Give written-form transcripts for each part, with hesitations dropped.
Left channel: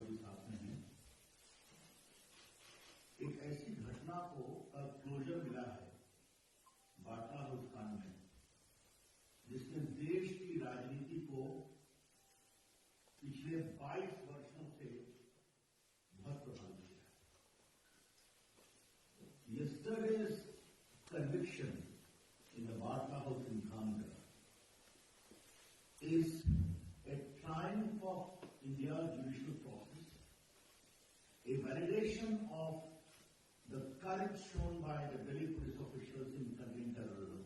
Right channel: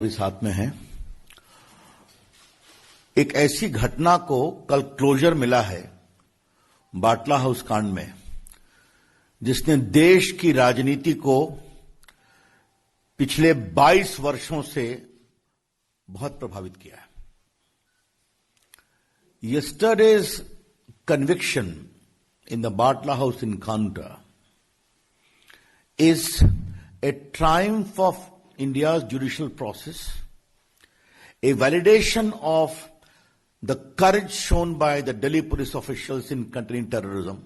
भी साथ में है। एक ऐसी घटना को कल क्लोजर मिला है बाटला हाउस कांड में, जिसने देश की राजनीति को पिछले 22 वर्षों से बहुत प्रभावित किया है। Yesterday's conviction in the Batla House encounter is a triumph of India's judicial process, a validation of the courage shown by the Delhi police officials in containing terrorism,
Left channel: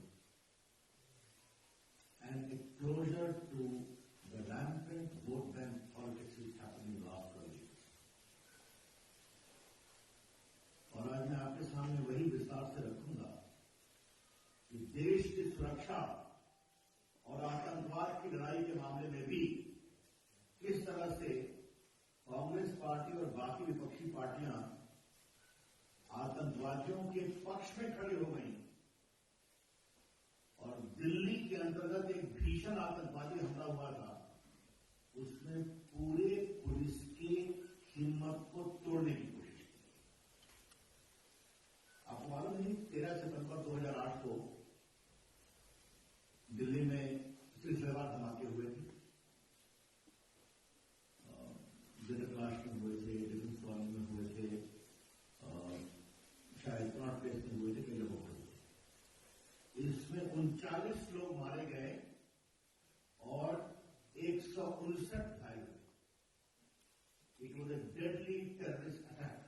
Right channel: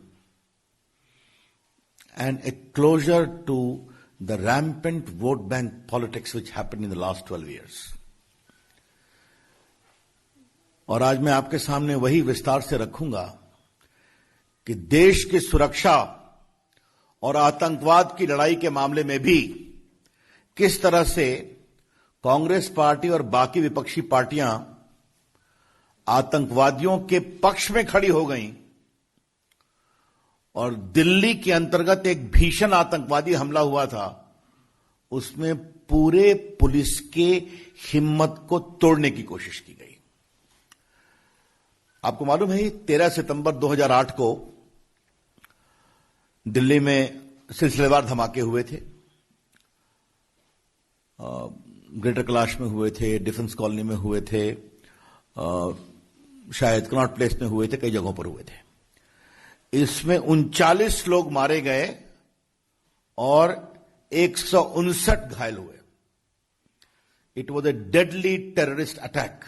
and a closure to the rampant vote bank politics which happened in the last 12 years. और आज मैं आपके सामने वही विस्तार से रखूंगा कि देश की सुरक्षा और आतंकवाद की लड़ाई के मामले में भी किस तरह से कांग्रेस पार्टी और बाकी विपक्षी पार्टियां आतंकवादियों के पक्ष में खड़ी हो गईं और दिल्ली के अंतर्गत एक भीषण आतंकवादी हमला हुआ था, उसमें पूरे पुलिस के हिम्मत को तोड़ने की कोशिश की गई। आपको मालूम है 13 सितंबर 2008 को दिल्ली में सिलसिलेवार धमाके हुए थे। ग्रेटर कैलाश में हुए थे, डिफेंस कॉलोनी में हुए थे, शायद कनॉट प्लेस में हुए थे, कई जगहों पर हुए थे। इसमें 39 लोग मारे गए और 159 घायल हुए। It was a deadly terrorist attack.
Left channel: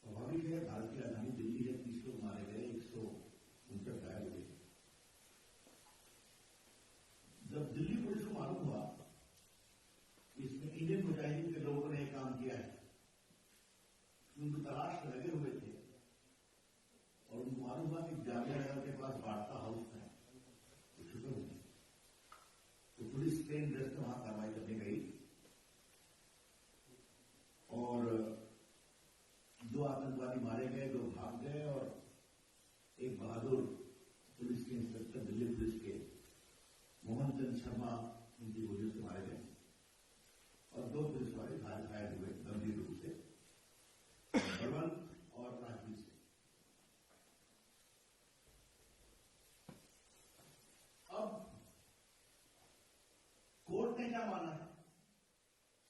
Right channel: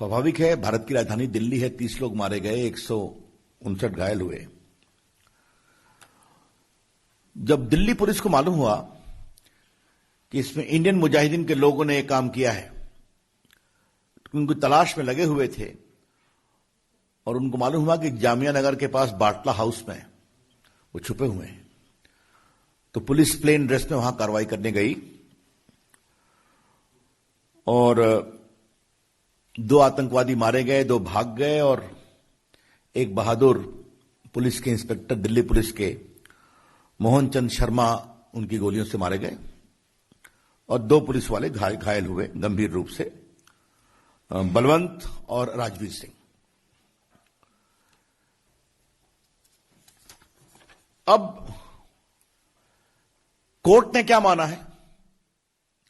स्वाभाविक है, भारत की राजधानी दिल्ली है, 30 लोग मारे गए, 159 घायल हुए। जब दिल्ली पुलिस को मालूम हुआ कि इसमें इंडियन मुजाहिदीन के लोगों ने यह काम किया है, उनको तलाश में लगे हुए थे और उनको मालूम हुआ कि जामिया नगर के पास बाटला हाउस में वो छुपे हुए हैं, तो पुलिस प्लेन ड्रेस में वहां कार्रवाई करने गई और 2 आतंकवादी मारे गए, 2 भाग गए और एक बहादुर पुलिस के इंस्पेक्टर, दिल्ली पुलिस के मोहन चंद शर्मा, उनकी गोलियों से मारे गए और 2 पुलिस वाले घायल हुए गंभीर रूप से, बलवंत और राजवीर सिंह। अब कोर्ट ने क्या माना है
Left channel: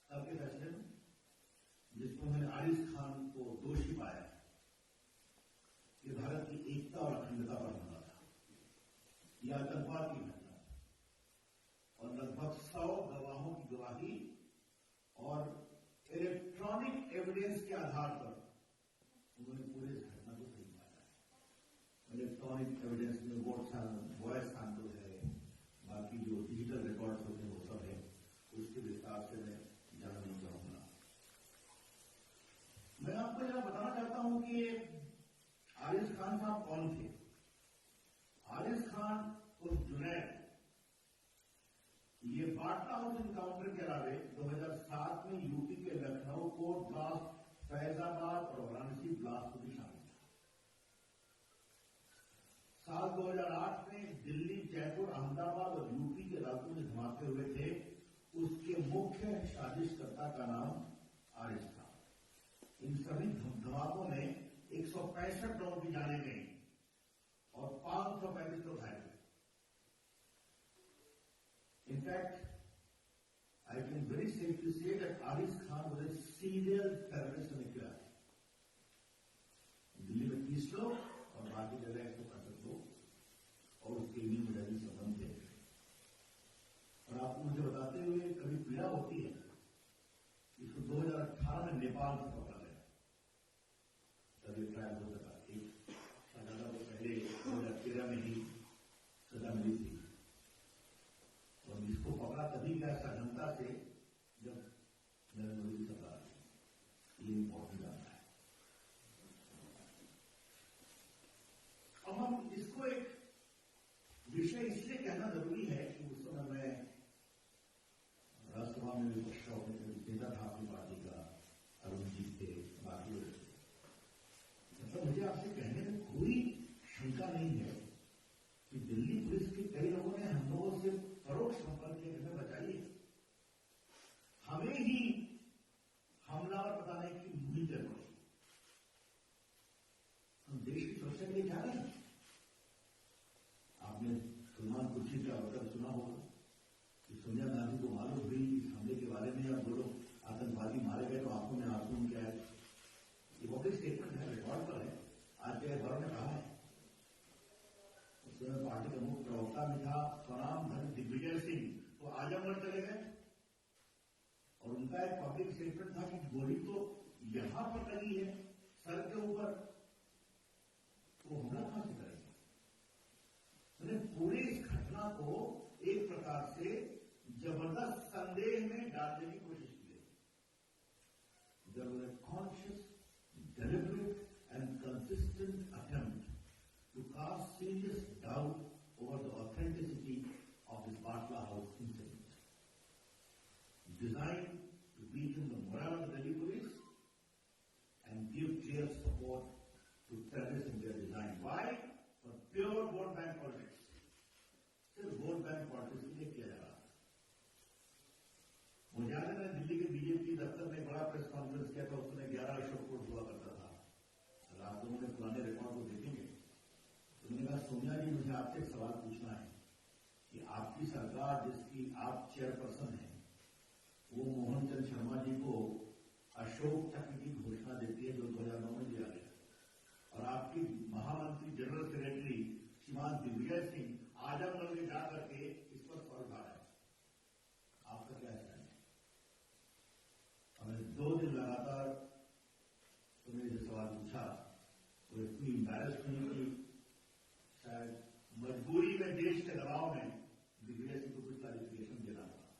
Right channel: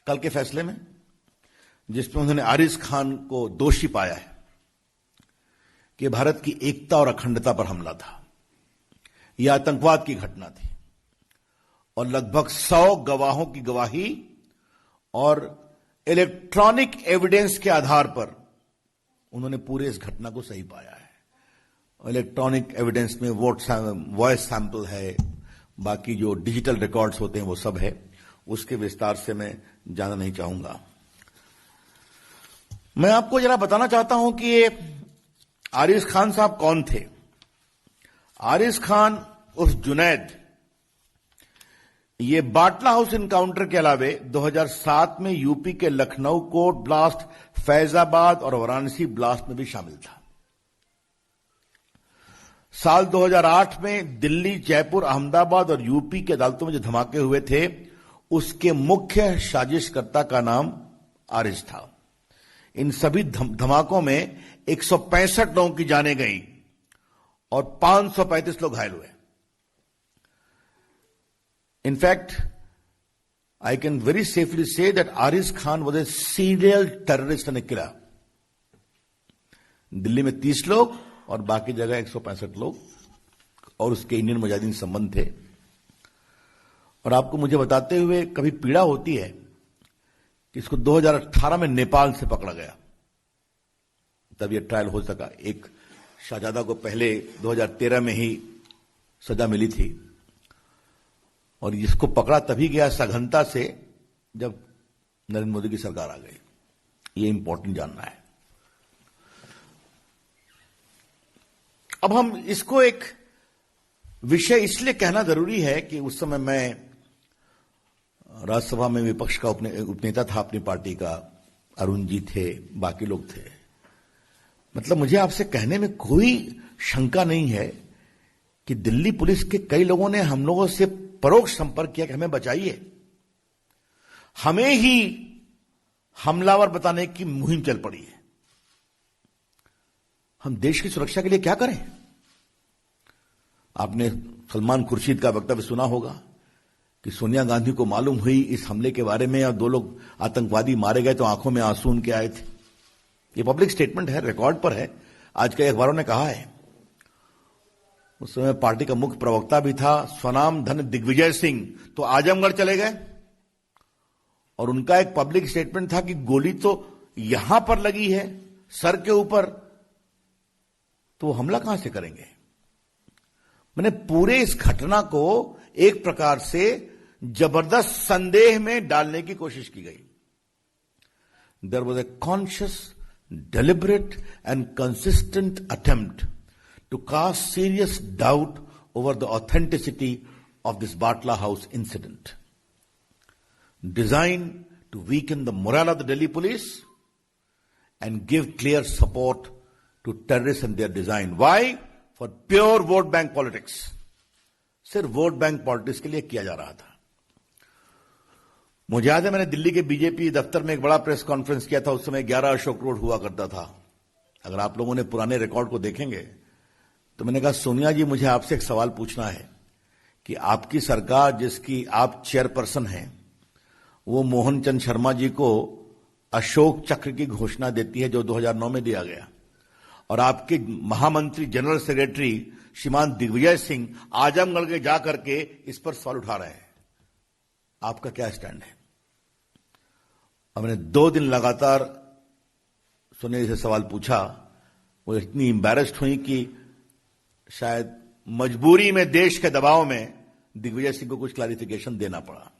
कल के फैसले में, जिसमें उन्होंने आरिज खान को दोषी पाया है कि भारत की एकता और अखंडता पर हमला था, यह आतंकवाद की घटना थी और लगभग 100 गवाहों की गवाही और इलेक्ट्रॉनिक एविडेंस के आधार पर उन्होंने पूरे इस घटना को सही पाया है। इलेक्ट्रॉनिक एविडेंस में वॉइस सैंपल है, बाकी जो डिजिटल रिकॉर्ड्स होते हैं वो सब है, उसके विस्तार से मैं जाना नहीं चाहूंगा। मैं आपको जरा बताना चाहता हूं कि ये आरिज खान साहब कौन थे। आरिज खान उर्फ जुनैद, ये बाटला हाउस इनकाउंटर के अलावे 2007 में यूपी के लखनऊ कोर्ट ब्लास्ट, फैजाबाद और वाराणसी ब्लास्ट में भी शामिल था। साल 2008 में दिल्ली, जयपुर, अहमदाबाद और यूपी की अदालतों में जो धमाके हुए थे, उसके मुख्य साजिशकर्ता का नाम आरिज था। इन सभी धमाकों में 165 लोगों की जानें गई और 535 लोग घायल हुए। In fact, I can very safely say that Ariz Khan was a serial terrorist and a killer. Delhi में 30 लोग और बाकी जगह 165 लोग और उसके इंडियन मुजाहिदीन संबंध थे। और आपको मुझे बताते हुए कभी पीड़ा होती है कि इसको 2018 में नेपाल से पकड़ा गया, तब यह ट्रायल हो सका। एक शाहजादा को पहले 2013 में ही सजा मिली थी और इसको पकड़ा तभी गया सघनता से जब नरेंद्र मोदी की सरकार आ गई। ये इंपॉर्टेंट जानना है। अब हम इसको एक विषय इसलिए कहना जरूरी है कि उस समय मैं राज्यसभा में विपक्ष का उपनेता था अपनी पार्टी का, अरुण जी थे, बाकी लोग थे। मतलब मुझे आपसे कहने में कोई शंका नहीं है कि दिल्ली पुलिस के कई लोगों ने हम लोगों से परोक्ष संपर्क किया कि हमें बचाइए, हमें ही हमलावर बताने की मुहिम चल पड़ी है। हम देश की सुरक्षा के लिए क्या करें? आपने सलमान खुर्शीद का वक्तव्य सुना होगा कि सोनिया गांधी को मालूम हुई इस हमले के बारे में और 2 लोग आतंकवादी मारे गए तो आंखों में आंसू उनके आए थे। ये पब्लिक स्टेटमेंट है, रिकॉर्ड पर है, आज के अखबारों ने कहा है। उस समय पार्टी का मुख्य प्रवक्ता भी था स्वनाम धन दिग्विजय सिंह, तो आजमगढ़ चले गए और उनका एक पब्लिक स्टेटमेंट था कि गोली तो यहां पर लगी है सर के ऊपर, तो हमला कहां से करेंगे? मैंने पूरे इस घटना को एक प्रकार से जबरदस्त संदेह में डालने की कोशिश की गई। There was a conscious, deliberate and consistent attempt to cast serious doubt over the authenticity of this Batla House incident, designed to weaken the morale of the Delhi police and give clear support to terrorists and their design. Why? For pure vote bank politics. सिर्फ vote bank politics के लिए किया जा रहा था। मुझे याद है मैंने दिल्ली के बीजेपी दफ्तर में एक बड़ा प्रेस कॉन्फ्रेंस किया था। उस समय 11 अशोक रोड हुआ करता था। अगर आप लोगों ने पुराने रिकॉर्ड को देखेंगे तो मैंने कहा, सोनिया जी, मुझे आपसे एक सवाल पूछना है कि आपकी सरकार जिसकी आप चेयरपर्सन हैं, वो मोहन चंद शर्मा जी को अशोक चक्र की घोषणा देती है जो 2009 में दिया गया, और आपके महामंत्री जनरल सेक्रेटरी श्रीमान दिग्विजय सिंह आजमगढ़ के जाकर के इस पर सवाल उठा रहे हैं। आपका क्या स्टैंड है? और मैंने 2 दिन लगातार सोनिया जी से सवाल पूछा। वो इतनी एम्बैरेस्ड हुई कि शायद मजबूरी में, देश के दबाव में दिग्विजय सिंह को कुछ क्लैरिफिकेशन देना पड़ा।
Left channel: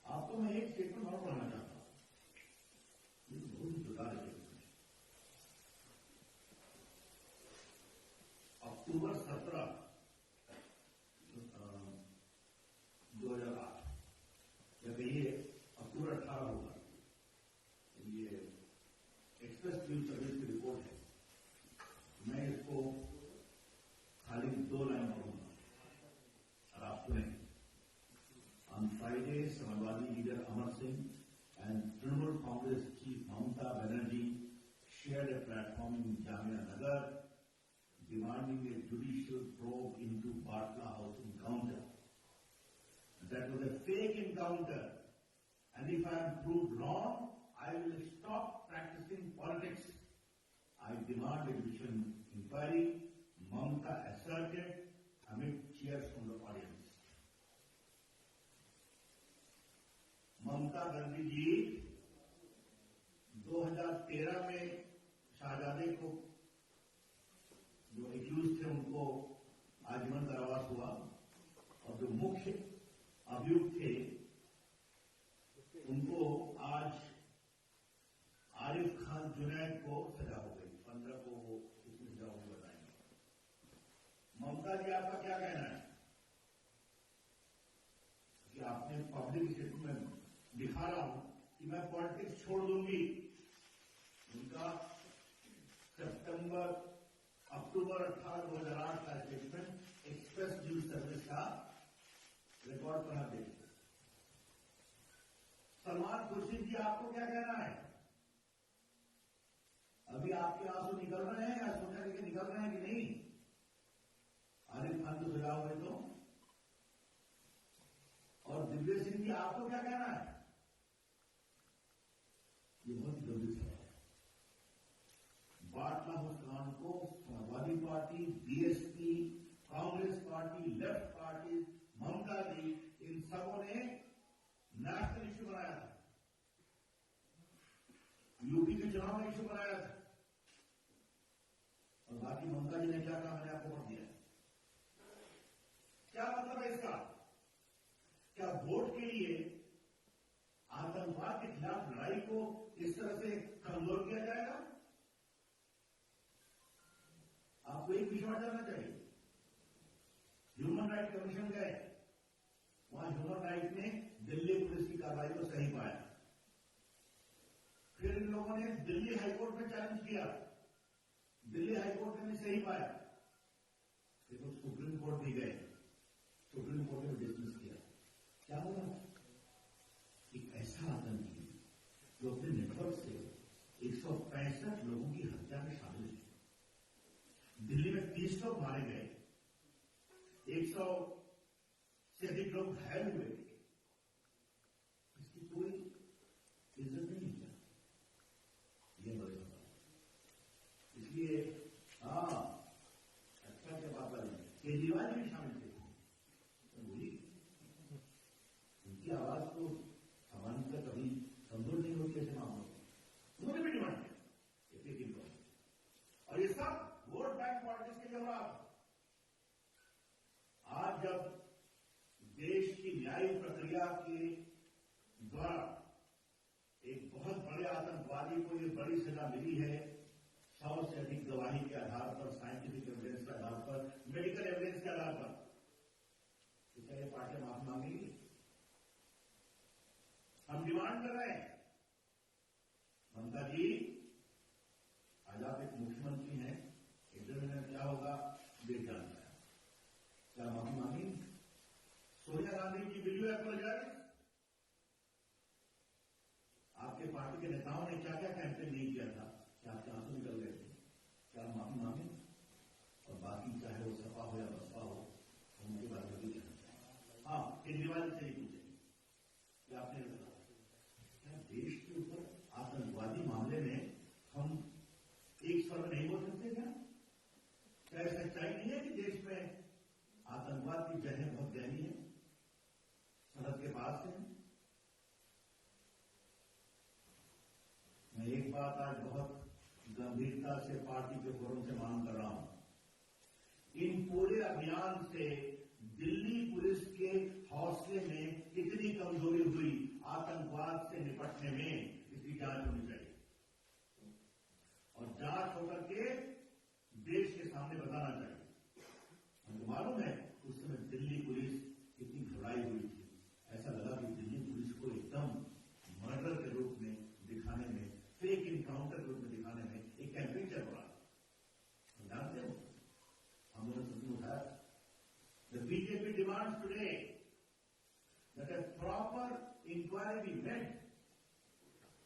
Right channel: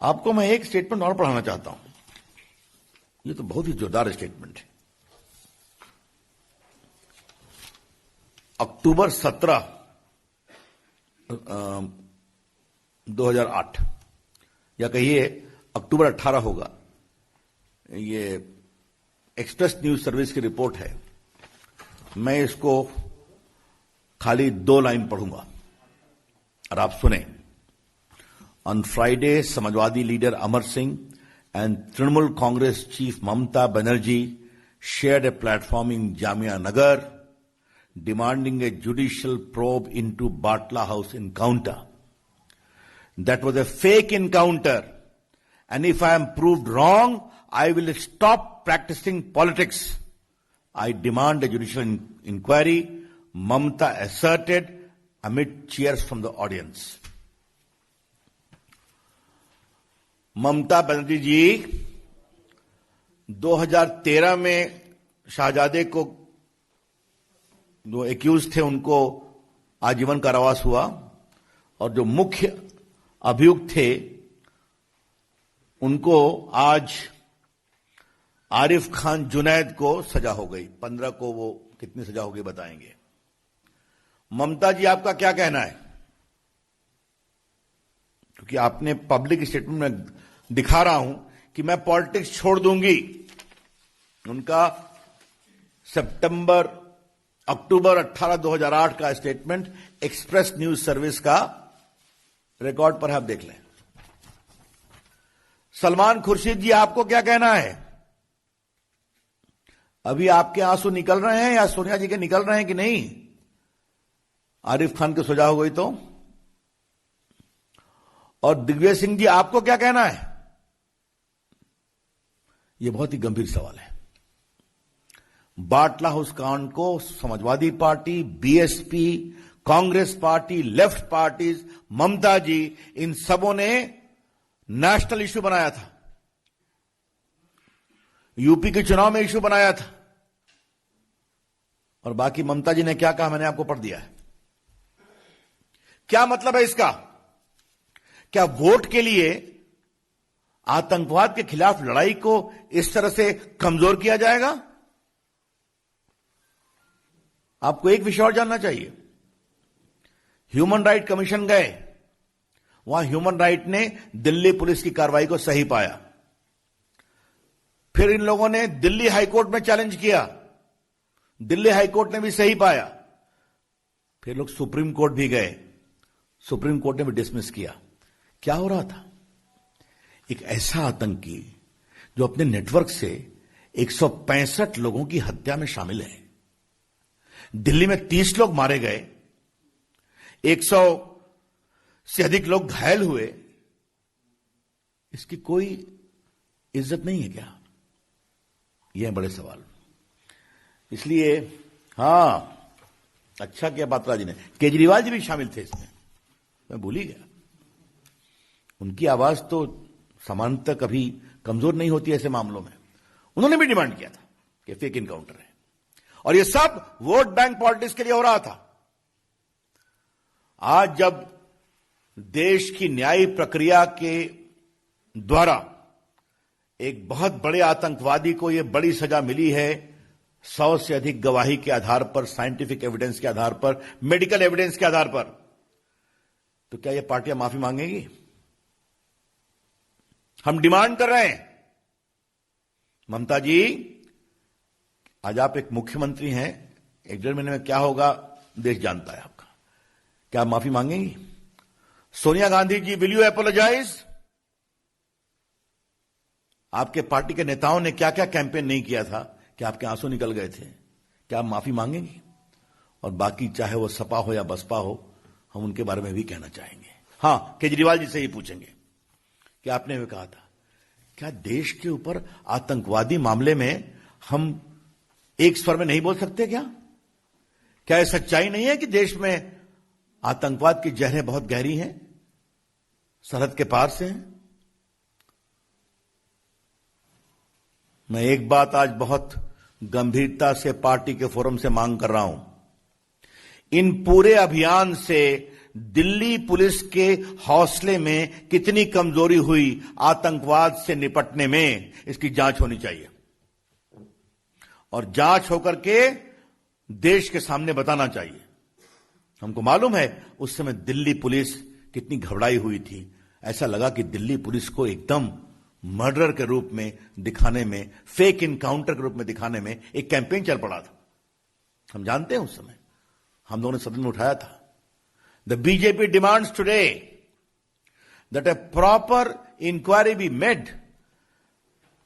आपको मैं एक स्टेटमेंट और पढ़ाना चाहता हूं। ये तो बहुत ही जोरदार स्टेटमेंट है। अक्टूबर 17, 2008 या कहिए अक्टूबर 18 होगा। ये एक्सप्रेस न्यूज सर्विस की रिपोर्ट है। मैं इसको खाली 2 लाइन पढ़ूंगा और आप सुने। On Friday, Samajwadi leader Amar Singh and Trinamool Congress chief Mamata Banerjee shared a platform in Jamia Nagar demanding a judicial probe into Batla House encounter. That was a fake encounter, and if I am proved wrong, I will stop practicing politics. I demand a judicial inquiry, Mamta asserted amid cheers from the audience. Mamata Banerjee जी 2013 में शाहजादे को जो accused थे उनको आजीवन कारावास हुआ, और जो मुख्य अभियुक्त थे उनको आज आरिफ खान जुनैद को सजा हो गई। 15 को वो कितनी सजा हो गई बताएंगे। ममता जी, आपका क्या कहना है? क्योंकि आपने पब्लिक स्टेटमेंट में दिखा रहा हूं कि मैं पॉलिटिक्स छोड़ दूंगी। उनका अक्टूबर 18, 2008 का स्टेटमेंट एक्सप्रेस न्यूज सर्विस का रिकॉर्ड पर है, आप देख लें। सलमान खुर्शीद जी, आपको क्या कहना है? अभी आपके आंसू निकल रहे हैं या सोनिया जी के निकल रहे हैं कि नहीं? आरिफ खान की सजा हो गई तो। और दिग्विजय सिंह जी, आपको क्या कहना है? यह बहुत ही गंभीर सवाल है। बाटला हाउस कांड को Samajwadi party, BSP, Congress party, left parties, Mamata ji, इन सबों ने नेशनल इश्यू बनाया था। यूपी के चुनाव में इश्यू बनाया था। और बाकी ममता जी ने क्या कहा मैंने आपको पढ़ दिया है। क्या मतलब है इसका? क्या वोट के लिए आतंकवाद के खिलाफ लड़ाई को इस तरह से कमजोर किया जाएगा? आपको एक विषय और जानना चाहिए। ह्यूमन राइट कमीशन गए, वहां ह्यूमन राइट ने दिल्ली पुलिस की कार्रवाई को सही पाया। फिर इन लोगों ने दिल्ली हाईकोर्ट में चैलेंज किया, दिल्ली हाईकोर्ट ने भी सही पाया। फिर लोग सुप्रीम कोर्ट भी गए, सुप्रीम कोर्ट ने भी डिसमिस किया। क्या हो रहा था? एक ऐसा आतंकी जो अपने नेटवर्क से 165 लोगों की हत्या में शामिल है। दिल्ली में 30 लोग मारे गए, 100 से अधिक लोग घायल हुए। इसकी कोई इज्जत नहीं है क्या? यह है बड़े सवाल। इसलिए हां, अच्छा किया पात्रा जी ने, केजरीवाल जी भी शामिल थे इसमें, मैं भूल ही गया। उनकी आवाज तो समानता कभी कमजोर नहीं होती ऐसे मामलों में। उन्होंने भी डिमांड किया था कि फेक इनकाउंटर है, और यह सब वोट बैंक पॉलिटिक्स के लिए हो रहा था। आज जब देश की न्याय प्रक्रिया के द्वारा एक बहुत बड़े आतंकवादी को यह बड़ी सजा मिली है, 100 से अधिक गवाही के आधार पर, साइंटिफिक एविडेंस के आधार पर, मेडिकल एविडेंस के आधार पर, तो क्या यह पार्टियां माफी मांगेगी? हम डिमांड कर रहे हैं, ममता जी, आज आप एक मुख्यमंत्री हैं, 1-1.5 महीने में क्या होगा देश जानता है आपका। क्या आप माफी मांगेंगी? Sonia Gandhi ji, will you apologise? आपके पार्टी के नेताओं ने क्या क्या कैंपेन नहीं किया था कि आपके आंसू निकल गए थे? क्या आप माफी मांगेंगी? और बाकी चाहे वो सपा हो या बसपा हो, हम उनके बारे में भी कहना चाहेंगे। हां, केजरीवाल जी से ही पूछेंगे कि आपने भी कहा था, क्या देश के ऊपर आतंकवादी मामले में हम एक स्वर में नहीं बोल सकते? क्या यह सच्चाई नहीं है कि देश में आतंकवाद की जहरें बहुत गहरी हैं, सरहद के पार से हैं? मैं एक बात आज बहुत गंभीरता से पार्टी के फोरम से मांग कर रहा हूं। इन पूरे अभियान से दिल्ली पुलिस के हौसले में कितनी कमजोरी हुई आतंकवाद से निपटने में, इसकी जांच होनी चाहिए, और जांच होकर के देश के सामने बताना चाहिए। हमको मालूम है उस समय दिल्ली पुलिस कितनी घबराई हुई थी। ऐसा लगा कि दिल्ली पुलिस को एकदम मर्डर के रूप में दिखाने में, फेक इनकाउंटर के रूप में दिखाने में एक कैंपेन चल पड़ा था। हम जानते हैं उस समय हम लोगों ने सदन में उठाया था। The BJP demands today that a proper inquiry be made,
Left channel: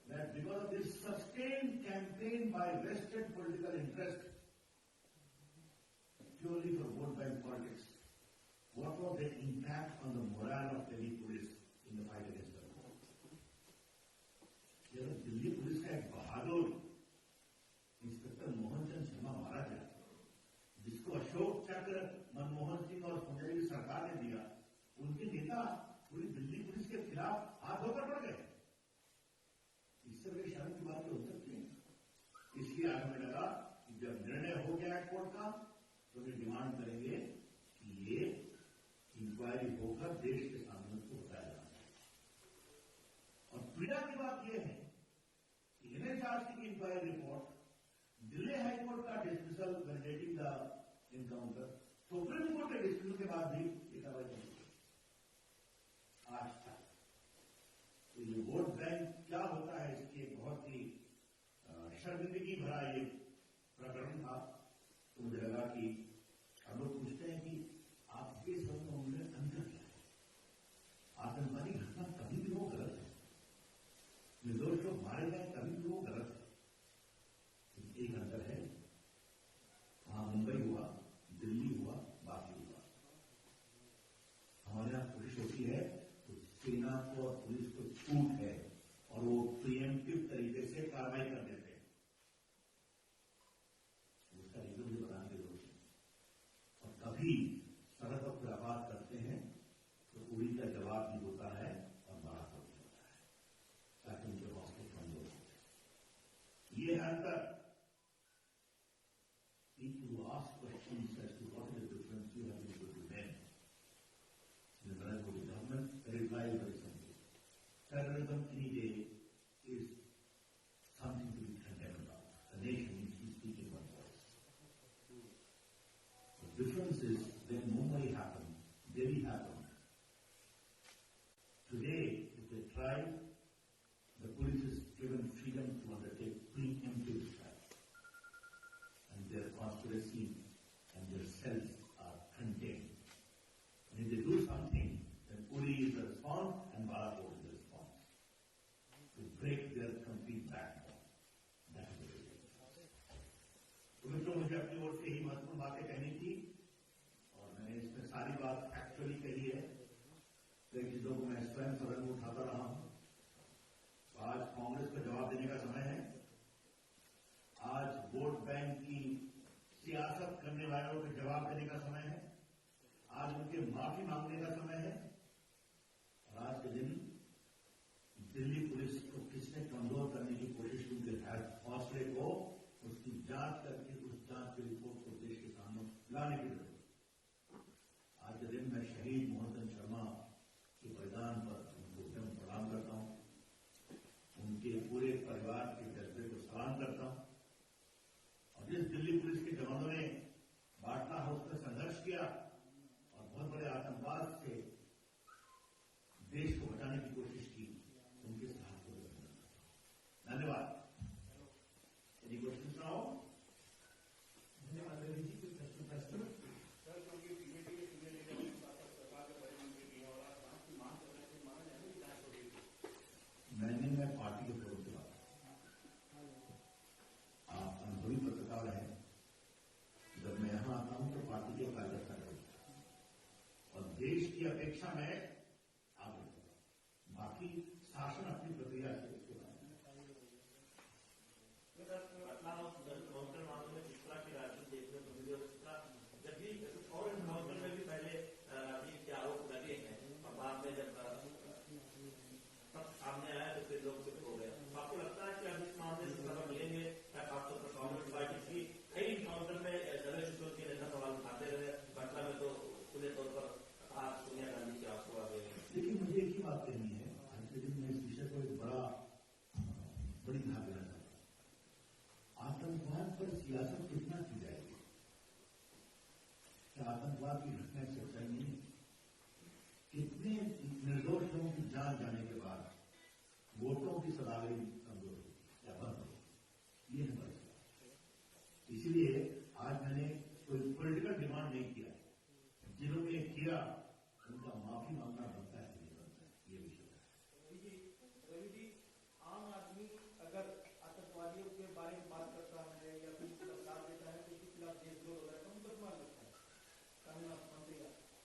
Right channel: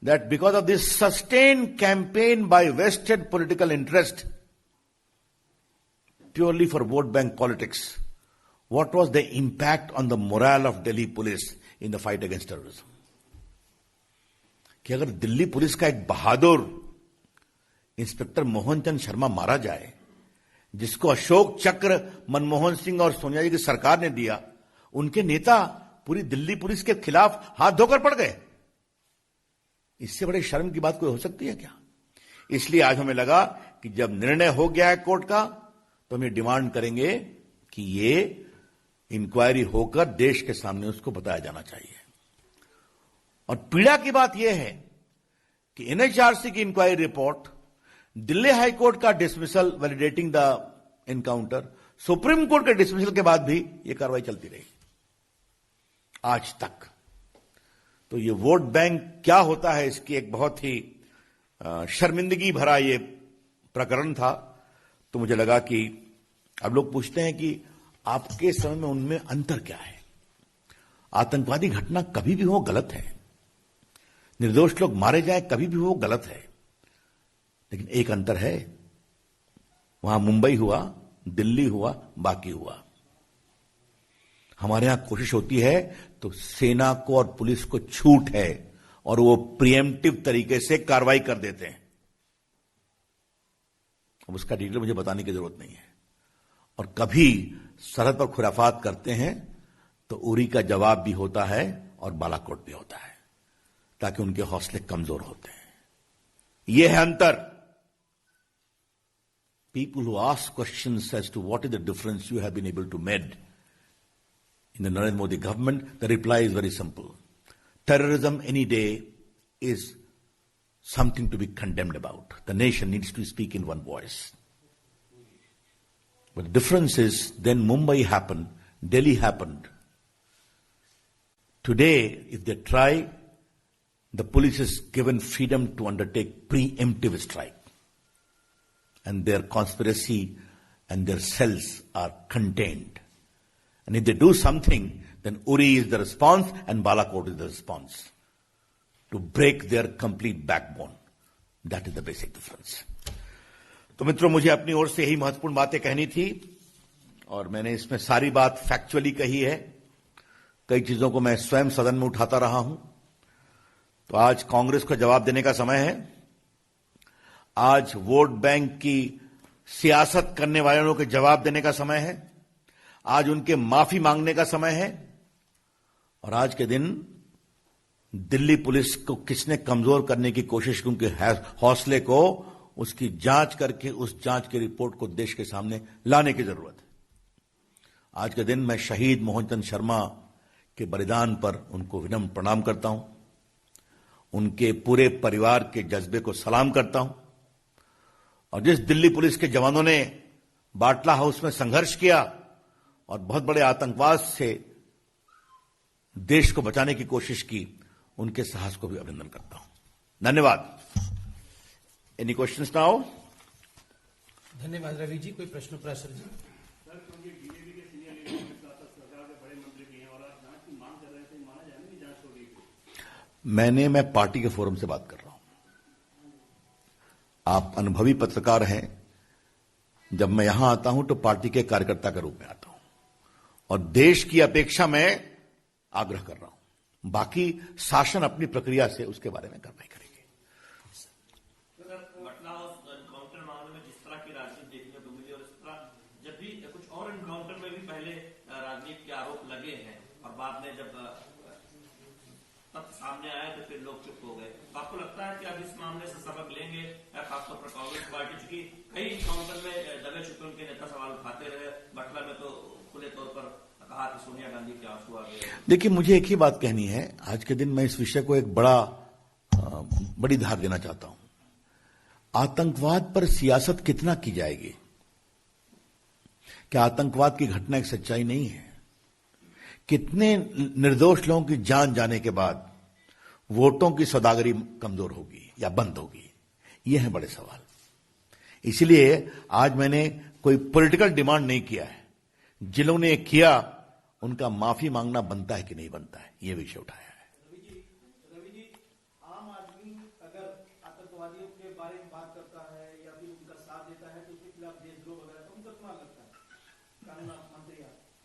that because of this sustained campaign by vested political interest, purely for vote bank politics, what was the impact on the morale of Delhi police in the fight against terrorism? कि अगर Delhi police का एक बहादुर inspector Mohan Chand Sharma मारा जाए, जिसको अशोक चक्र मनमोहन सिंह और सोनिया जी की सरकार ने दिया, उनके नेता पूरी दिल्ली पुलिस के खिलाफ हाथ धोकर पड़ गए। इससे बड़े शर्म की बात कोई हो सकती है क्या? इसलिए आज हमें लगा कि जब निर्णय हो गया है कोर्ट का, तो हम ये डिमांड करेंगे कि ये इंक्वायरी होकर देश के सामने उसको बताया जाना चाहिए। और पीड़ा की बात यह है कि एनएचआरसी की inquiry report, Delhi high court का dismissal validating the encounter, supreme court के डिसमिसल के बाद भी यह कार्रवाई चलती रही आज तक। तो ये वोट बैंक क्या होता है, इसकी एक बहुत ही शर्मिंदगी भरा ये प्रकरण था। तो मुझे लगा कि अब लोग पूछते हैं कि आपके समय में उनमें अंतर क्या है? आतंकवादी घटना कभी भी हो गलत है, निर्दोष लोग मारे जाए कभी भी हो गलत है, लेकिन एक अंतर है, वहां मुंबई हुआ, दिल्ली हुआ, बाकी हुआ। हमारे यहां कोशिश होती है तो सेना को और पुलिस को छूट है और वो प्रिएम्प्टिव तरीके से कार्रवाई कर देते हैं। अब उसका डिटेल मुझे बताने की जरूरत नहीं है। और कभी सरहद पर खुराफात करते हैं तो उरी का जवाब भी होता है और बालाकोट भी होता है, ताकि उनके हौसले कमजोर होते हैं। यह है अंतर। People who ask questions as to what is the difference you have been able to make in the Narendra Modi government, the reply is very simple. Terrorism any day is something to be condemned about. The nation needs to speak in one voice. But the difference is, then Mumbai happened, Delhi happened. Today, if they try, the police is given freedom to undertake preemptive strike. And their conspiracy and their cells are contained. And if they do something, then Uri is the response and Balakot is the response. to break their complete backbone. That is the basic difference. तो मित्रों, मुझे अपनी ओर से यही महत्वपूर्ण बातें कहनी थी और मैंने इसमें सारी बात फैक्चुअली कही है। कई चीजों को मैं स्वयं सदन में उठाता रहा हूं। तो आज कांग्रेस को जवाब देने का समय है। आज वोट बैंक की सियासत करने वालों के जवाब देने का समय है। आज उनके माफी मांगने का समय है। और आज के दिन दिल्ली पुलिस को किसने कमजोर करने की कोशिश की, उनके हौसले को, उसकी जांच करके उस जांच की रिपोर्ट को देश के सामने लाने की जरूरत है। आज के दिन मैं शहीद मोहनचंद शर्मा के बलिदान पर उनको विनम्र प्रणाम करता हूं। उनके पूरे परिवार के जज्बे को सलाम करता हूं। और जिस दिल्ली पुलिस के जवानों ने बाटला हाउस में संघर्ष किया और बहुत बड़े आतंकवाद से देश को बचाने की कोशिश की, उनके साहस को भी अभिनंदन करता हूं। धन्यवाद। Any questions now? धन्यवाद रवि जी। कोई प्रश्न प्रासंगिक? मैं पार्टी के फोरम से बात कर रहा हूं। आप अनुभवी पत्रकार हैं। जब मैं यहां आता हूं तो पार्टी के कार्यकर्ता के रूप में आता हूं और देश की अपेक्षा में आग्रह कर रहा हूं। बाकी शासन अपनी प्रक्रिया से उसके बारे में कार्रवाई करेंगे। काउंटर मामले में जिस तरह की राजनीति देखने को मिली और इस तरह जब भी कुछ और एनकाउंटर में भी पहले राजनीति के आरोप लगे हैं और बाद में जब तथ्य सामने आया तो फिर लोग चुप हो गए। आपको लगता है कि अब इस मामले से सबक लेंगे? खासतौर पर कांग्रेस पार्टी, चूंकि कई एनकाउंटर में दबे छुपे उनके नेता सवाल उठाते रहे। बटला में तो खुले तौर पर कहा कि सोनिया गांधी के आंसू आ गए। देखिए, मुझे एक ही बात कहनी है। आज के दिन मैं इस विषय को एक बड़ी धार देना चाहता हूं। आतंकवाद पर सियासत कितना की जाएगी? क्या आतंकवाद की घटना एक सच्चाई नहीं है? कितने निर्दोष लोगों की जान जाने के बाद वोटों की सौदागरी कमजोर होगी या बंद होगी? ये है बड़े सवाल। इसलिए आज मैंने कोई पॉलिटिकल डिमांड नहीं किया है। जिन्होंने किया उनका माफी मांगना बनता है कि नहीं बनता है, ये विषय उठाया है। रवि जी, आम आदमी अगर आतंकवादियों के बारे में बात करता है या फिर उनका साथ देता है तो उसके खिलाफ देशद्रोह वगैरह का मुकदमा करता है, कानून मंत्री।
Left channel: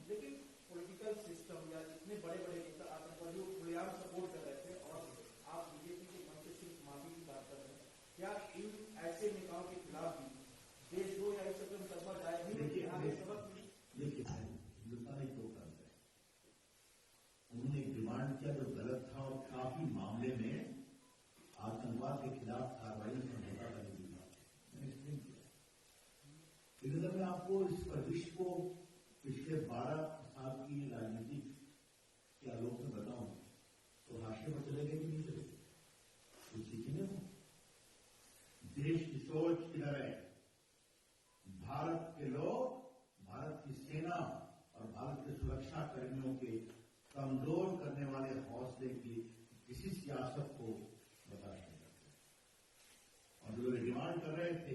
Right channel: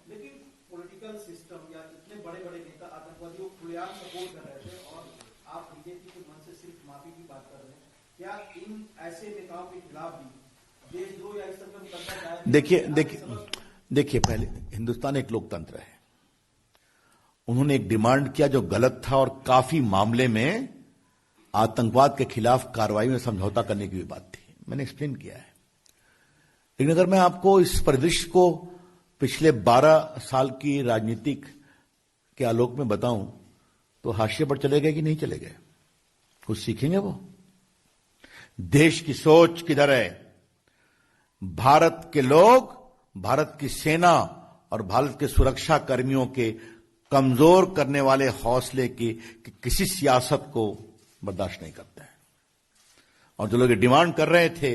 लेकिन पॉलिटिकल सिस्टम या इतने बड़े बड़े नेता आतंकवादियों को खुलेआम सपोर्ट कर रहे थे और आप बीजेपी के मन से सिर्फ माफी की बात कर रहे हैं। क्या इन ऐसे नेताओं के खिलाफ भी देशद्रोह या इस सब का मुकदमा दायर? देखिए, पहले हिंदुस्तान एक लोकतंत्र है। उन्होंने एक डिमांड किया जो गलत था और काफी मामले में आतंकवाद के खिलाफ कार्रवाई में समझौता करने की भी बात थी। मैंने एक्सप्लेन किया है। लेकिन अगर मैं आपको इस परिदृश्य को पिछले 12 साल की राजनीतिक के आलोक में बताऊं तो हाशिए पर चले गए कि नहीं चले गए? कुछ सीखेंगे वो? देश की सोच किधर है? भारत के लोग, भारत की सेना और भारत के सुरक्षा कर्मियों के कमजोर करने वाले हौसले की किसी सियासत को बर्दाश्त नहीं करते हैं। और जो लोग डिमांड कर रहे थे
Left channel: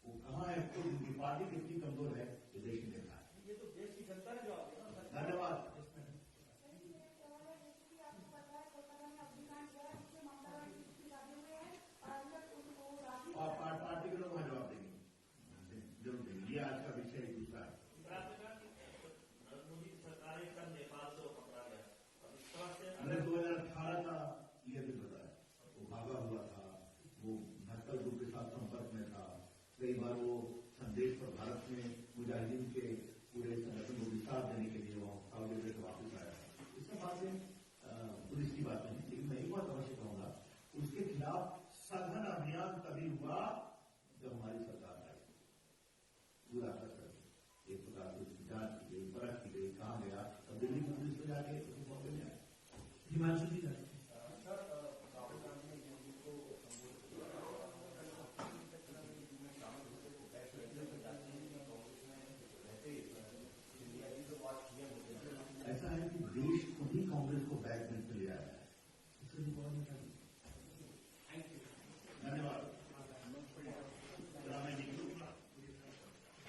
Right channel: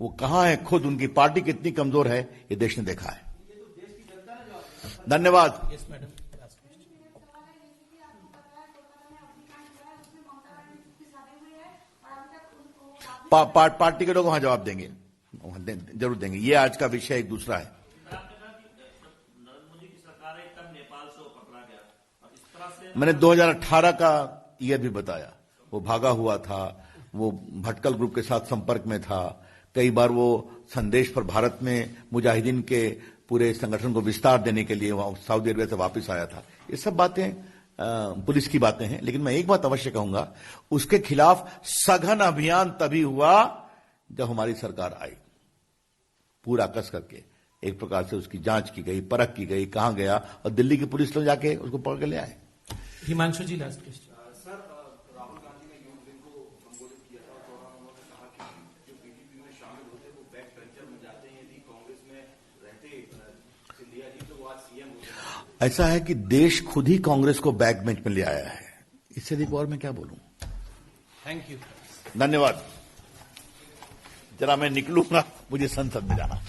वो कहां है? खुद उनकी पार्टी कितनी कमजोर है ये देश ने देखा है। धन्यवाद। पार्टी के लोग वहां जवाब देंगे, जरूर देंगे। ये आज का विषय एक दूसरा है। मैंने 2018 का ईयर भी बताया। वो भागा हुआ था, वो भटकल ग्रुप के साथ संपर्क में था। कई बार वो संदेश पर भारत में मुजाहिदीन के पूरे संगठन को विस्तार देने के लिए वहां सऊदी अरबिया से वापस आया था। ये सब बातें पुलिस की बातें हैं। लेकिन मैं एक बात अवश्य कहूंगा, उसके खिलाफ सघन अभियान तभी हुआ जब हमारी सरकार आई। पूरा कस करके एक प्रकार से उसकी जांच की गई, परख की गई, कहां गया, और दिल्ली की पुलिस लोग जाके उसको पकड़ के ले आए। Himanshu ji, last question. Sir, Rahul Gandhi ने यूथ विंग को संबोधित किया था और उन्होंने कहा कि जो बीजेपी में शामिल होते वो बैक बेंचर बन जाते हैं। यदि कांग्रेस में रहते सिंधिया जी तो वो आज सीएम होते। ऐसा है कि देश खुद ही कांग्रेस को बैक बेंच में ले आया है। इससे अधिक और मैं क्या बोलूं? Thank you. धन्यवाद। जरा मैं निकलूंगा, मुझे संसद में जाना।